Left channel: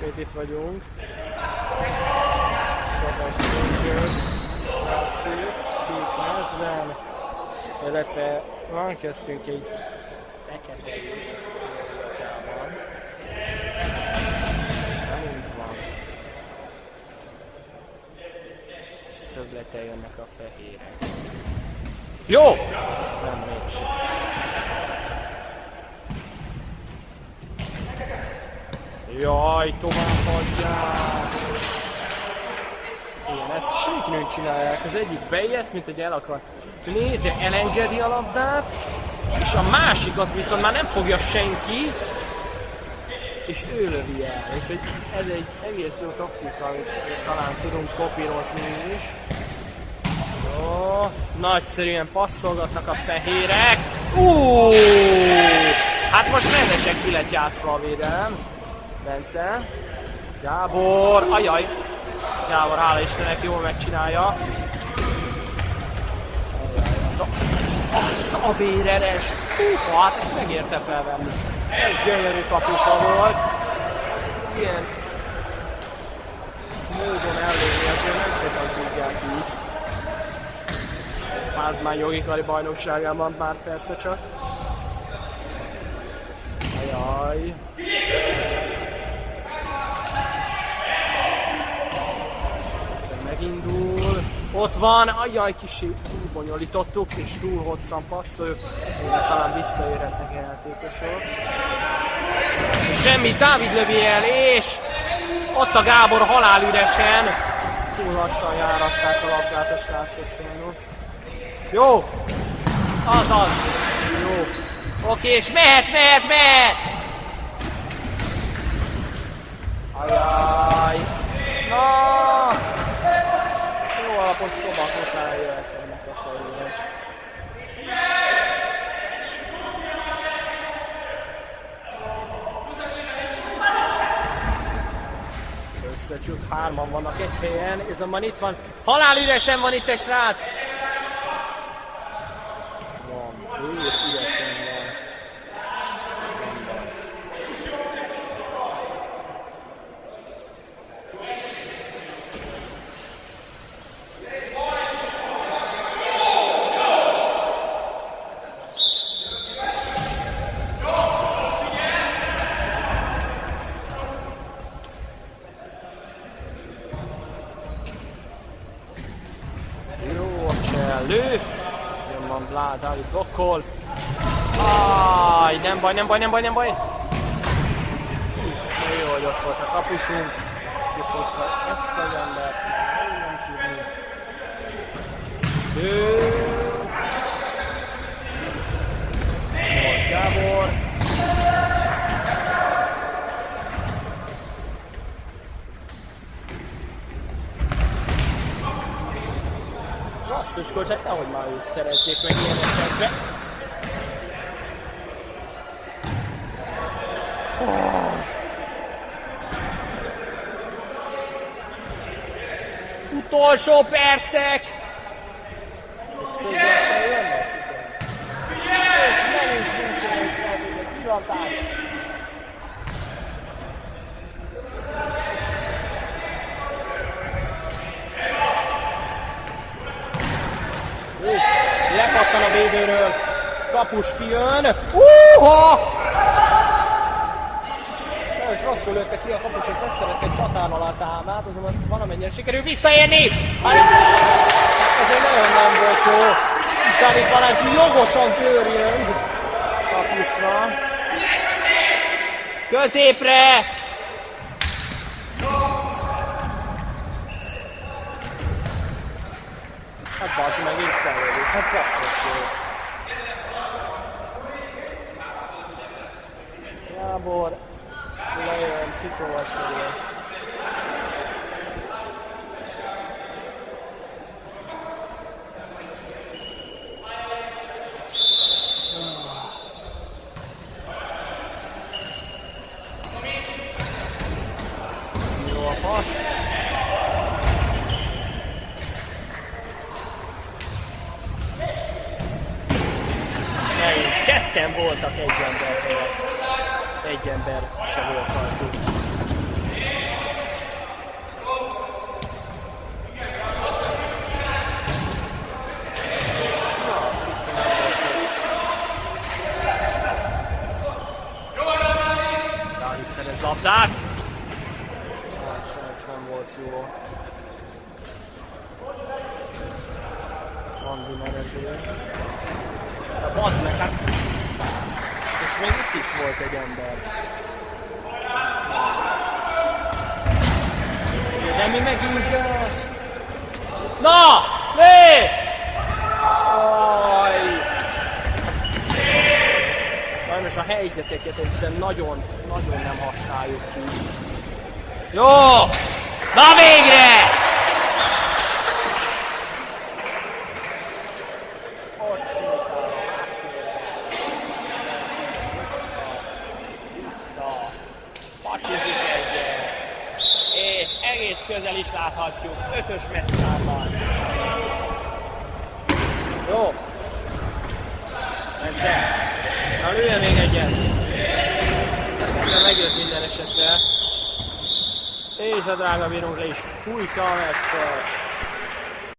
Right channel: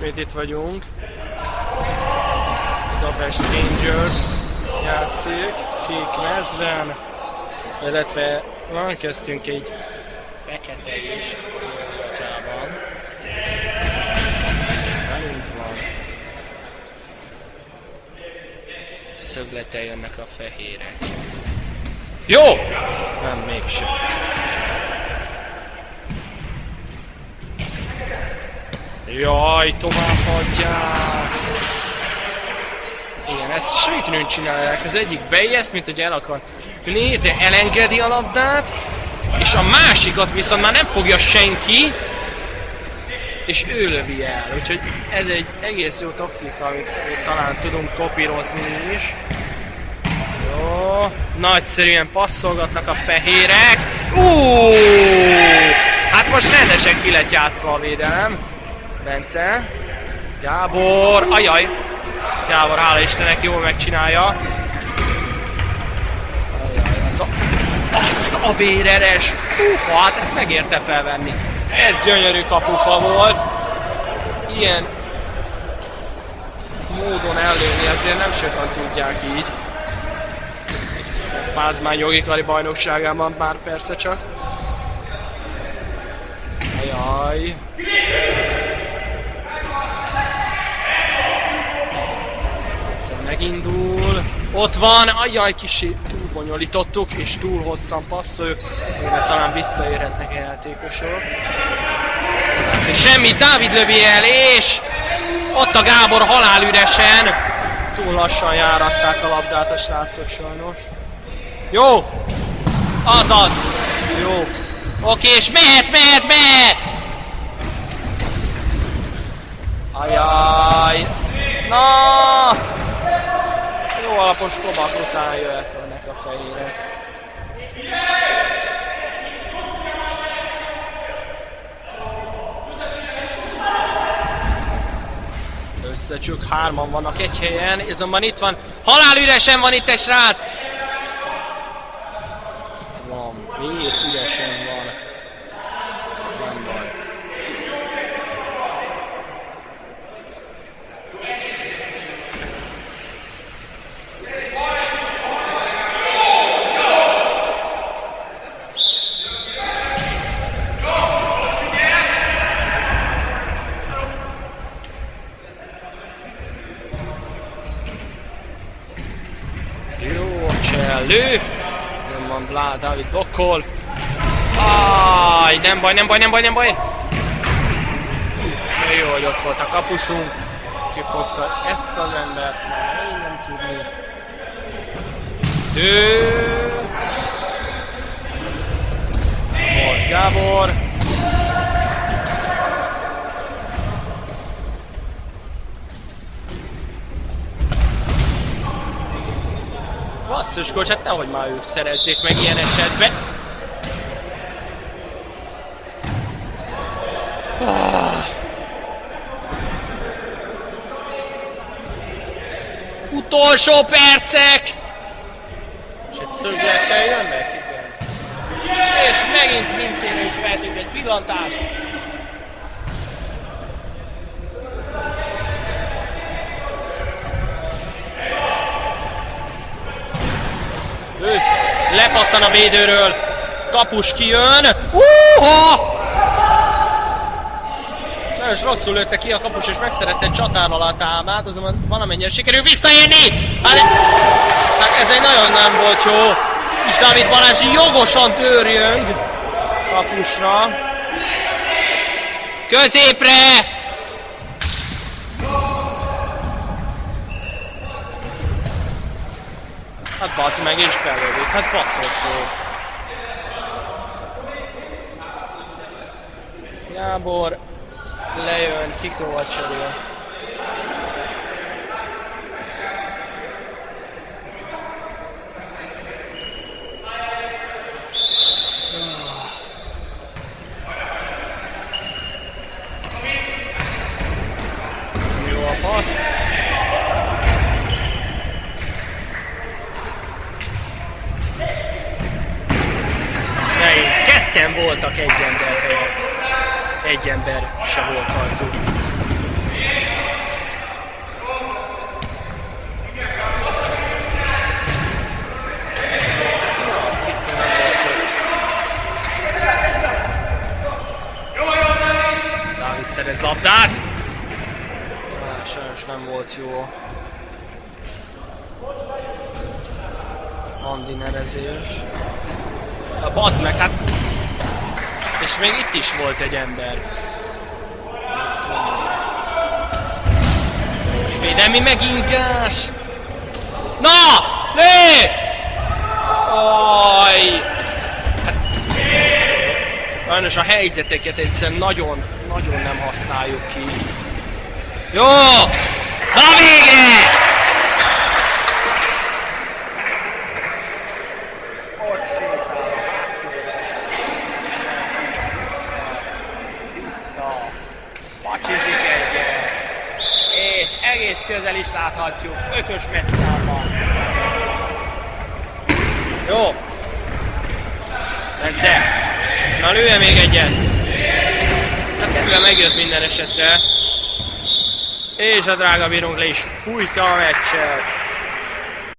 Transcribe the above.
ismét itt vagyunk. Budapest Rangers játszik, kék mezben, illetve van köztünk egy fekete is Európában. Velünk van. Szöglete jönnek a fehérek. Jó! Nem, mégsem. Jaj, tovább hagyják! Igen, ezt sejtőn csinálják. Az egyik beijeszt, mint hogy el akar ülni, de elengedi a labdát, és a másikat viszont már nem fogja senki, és ő lövi el. Úgyhogy ez egy egész jó taktika, amit talán tudunk kopírozni is. Jó, nagyszerűen passzolgatnak a fehérek. Hát most rendesen ki lett játszva a védelem. Bence. Gábor, ajaj. Gábor, hála Istennek, jól megcsinálja. Ajaj, azt a véreres. Hát ezt megérte felvenni. Ez gyönyörű kapufa volt. Ilyen módon ellőni azért nem sokan tudják így. Pázmány jogi kari bajnokságában már persze csak. Ajaj. Egyszer megindul. Ott van, ajaj, kicsit túlbonyolítottuk és túl hosszan passzoljuk. Mire talán visszaérhetnek a játékosok. És semmi, Dávid lövi el, és ott a Gábor halálüresen. Túl lassan járatták a labdát a srácok sajnos. Jó! Azaz! Jó! Oké, és mehet! Ajaj! Na! Jó alapos kobak után jöhetnek a fehérek. Csak hárman vannak egy helyen, azonban itt van, halálüresen van itt egy srác! Itt van, vér üresen van. Nem baj. Lő! Jön van Blá, Dávid blokkol. Áj, nem baj. De jó, hogy ott volt a kapusunk. Kifogta ezt az embert, már nem tudni. Gábor. Basszus, hát nehogy már ők szerezzék meg ilyen esetben. Utolsó percek! És egy szöglettel jönnek, igen. És megint Vincére is vehetünk egy pillantást. Lepattan a védőről, kapus kijön. Sajnos rosszul lőtte ki a kapus és megszerezte egy csatár alá támát, azonban valamennyire sikerül visszaérni. Hát ez egy nagyon nem volt jó. És Dávid Balázs jogosan törjönk kapusra. Középre! Hát bazd meg, és belődik. Hát passzolt jó. Gábor lejön, kikovacsogja. Jó a passz. Ketten voltak egy ember helyett. Egy ember se volt rajtuk. kézlabdát. Sajnos nem volt jó. Andinerezés. Bazd meg, hát... És még itt is volt egy ember. És védelmi megingás. Na! Lé! Aj! Hát... Sajnos a helyzeteket egyszerűen nagyon nem használjuk ki. Jó! Na végre! Ott sétál a háttérre. Vissza. Pacsizik egyet. És egész közel is láthatjuk. 5-ös messzában. Jó. Bence. Na lője még egyet. A kedve megjött minden esetre. És a drága bírónk le is fújta a meccset.